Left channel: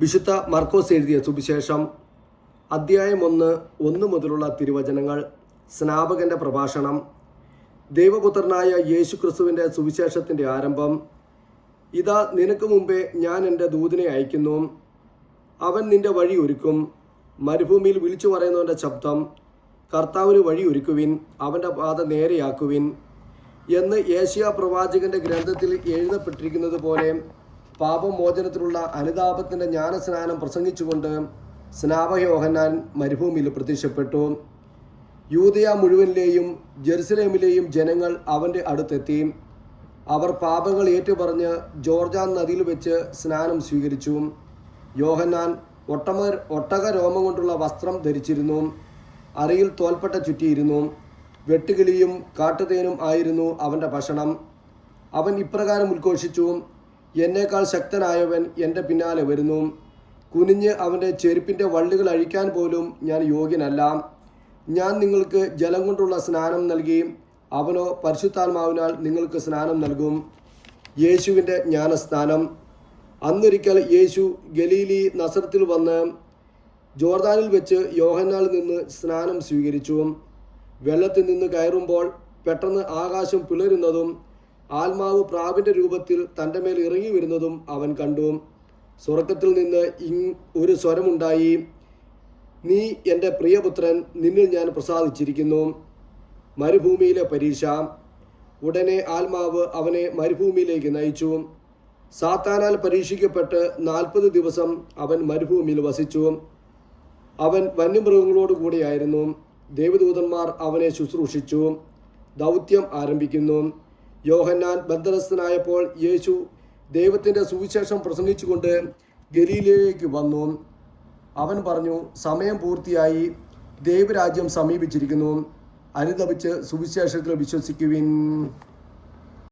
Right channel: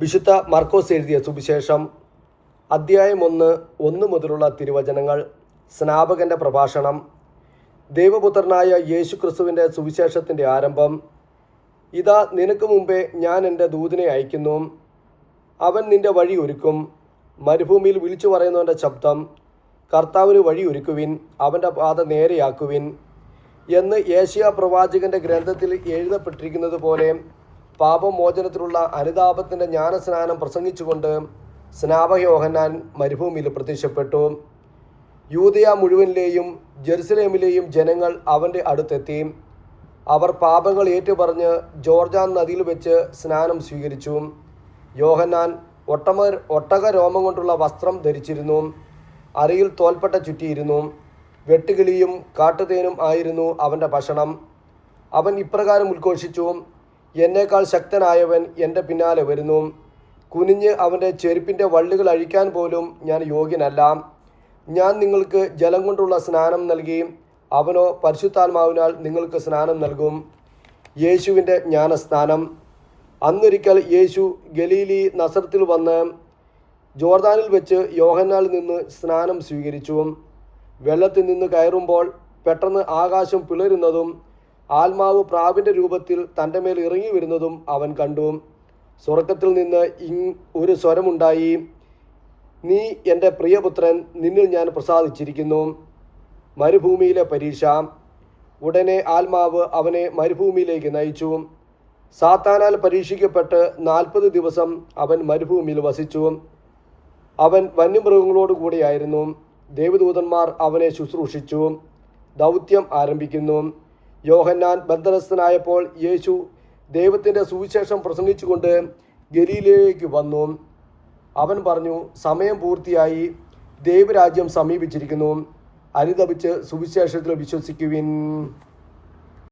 വിശുദ്ധ മർക്കോസ് എഴുതിയ സുവിശേഷം അധ്യായം 1 മുതലുള്ള തിരുവചനങ്ങൾ. സ്നാപകന്റെ പ്രഭാഷണം. ദൈവപുത്രനായ യേശു ക്രിസ്തുവിൻ്റെ സുവിശേഷത്തിൻ്റെ ആരംഭം. ഇതാ, നിനക്ക് മുമ്പേ ഞാൻ എൻ്റെ ദൂതനെ അയക്കുന്നു. അവൻ നിന്റെ വഴി ഒരുക്കും. മരുഭൂമിയിൽ വിളിച്ചു പറയുന്നവൻ്റെ ശബ്ദം, കർത്താവിന് വഴി ഒരുക്കുവിൻ, അവൻ്റെ പാത നേരെയാക്കുവിൻ എന്ന് യേശയ്യാ പ്രവാചകന്റെ ഗ്രന്ഥത്തിൽ എഴുതപ്പെട്ടിരിക്കുന്നത് പോലെ പാപമോചനത്തിലുള്ള അനുതാപത്തിൻ്റെ ജ്ഞാനസ്നാനം പ്രസംഗിച്ചുകൊണ്ട് സ്നാപക യോഹന്നാൻ മരുഭൂമിയിൽ പ്രത്യക്ഷപ്പെട്ടു. യൂദയ മുഴുവനിലെയും ജെറുസലേമിലെയും ജനങ്ങൾ അവൻ്റെ അടുത്തെത്തി. അവർ പാപങ്ങൾ ഏറ്റുപറഞ്ഞ് ജോർദാൻ നദിയിൽ വെച്ച് സ്നാനം സ്വീകരിച്ചു. യോഹന്നാൻ ഒട്ടക രോമം കൊണ്ടുള്ള വസ്ത്രം ധരിച്ചിരുന്നു. അരയിൽ തോൽപ്പട്ട ചുറ്റിയിരുന്നു. വെട്ടുകിളിയും കാട്ടുതേനും ആയിരുന്നു അവൻ്റെ ഭക്ഷണം. അവൻ ഇപ്രകാരം ഉദ്ഘോഷിച്ചു: എന്നേക്കാൾ ശക്തനായവൻ എൻ്റെ പിന്നാലെ വരുന്നു. കുനിഞ്ഞ് അവൻ്റെ ചെരുപ്പിൻ്റെ വള്ളികൾ അഴിക്കാൻ പോലും ഞാൻ യോഗ്യനല്ല. ഞാൻ നിങ്ങൾക്ക് ജലം കൊണ്ടുള്ള സ്നാനം നൽകി, അവനോ പരിശുദ്ധാത്മാവിനാൽ നിങ്ങൾക്ക് സ്നാനം നൽകും. യേശുവിൻ്റെ ജ്ഞാനസ്നാനം. അന്നൊരിക്കൽ യേശു ഗലീലി നസറത്തിൽ വന്ന് ജോർദാനിൽ വെച്ച് യോഹന്നാനിൽ നിന്ന് സ്നാനം സ്വീകരിച്ചു. വെള്ളത്തിൽ നിന്ന് കയറുമ്പോൾ പെട്ടെന്ന് ആകാശം പിളരുന്നതും ആത്മാവ് പ്രാവിൻ്റെ രൂപത്തിൽ തൻ്റെ മേൽ ഇറങ്ങി വരുന്നതും അവൻ കണ്ടു. സ്വർഗത്തിൽ നിന്ന് ഒരു സ്വരമുണ്ടായി: നീ എൻ്റെ പ്രിയപുത്രൻ, നിന്നിൽ ഞാൻ പ്രസാദിച്ചിരിക്കുന്നു. മരുഭൂമിയിലെ പരീക്ഷ. ഉടനെ ആത്മാവ് അവനെ മരുഭൂമിയിലേക്ക് നയിച്ചു. സാത്താനാൽ പരീക്ഷിക്കപ്പെട്ട് 40 ദിവസം അവൻ മരുഭൂമിയിൽ വസിച്ചു. അവൻ വന്യമൃഗങ്ങളോട് കൂടിയായിരുന്നു. ദേവദൂതന്മാർ അവനെ ശുശ്രൂഷിച്ചു. ദൗത്യം ആരംഭിക്കുന്നു. യോഹന്നാൻ ബന്ധനസ്ഥനായപ്പോൾ യേശു ദൈവത്തിൻ്റെ സുവിശേഷം പ്രസംഗിച്ചുകൊണ്ട് ഗലീലയിലേക്ക് വന്നു. അവൻ പറഞ്ഞു: സമയം പൂർത്തിയായി, ദൈവരാജ്യം സമീപിച്ചിരിക്കുന്നു. അനുതപിച്ച് സുവിശേഷത്തിൽ വിശ്വസിക്കുവിൻ.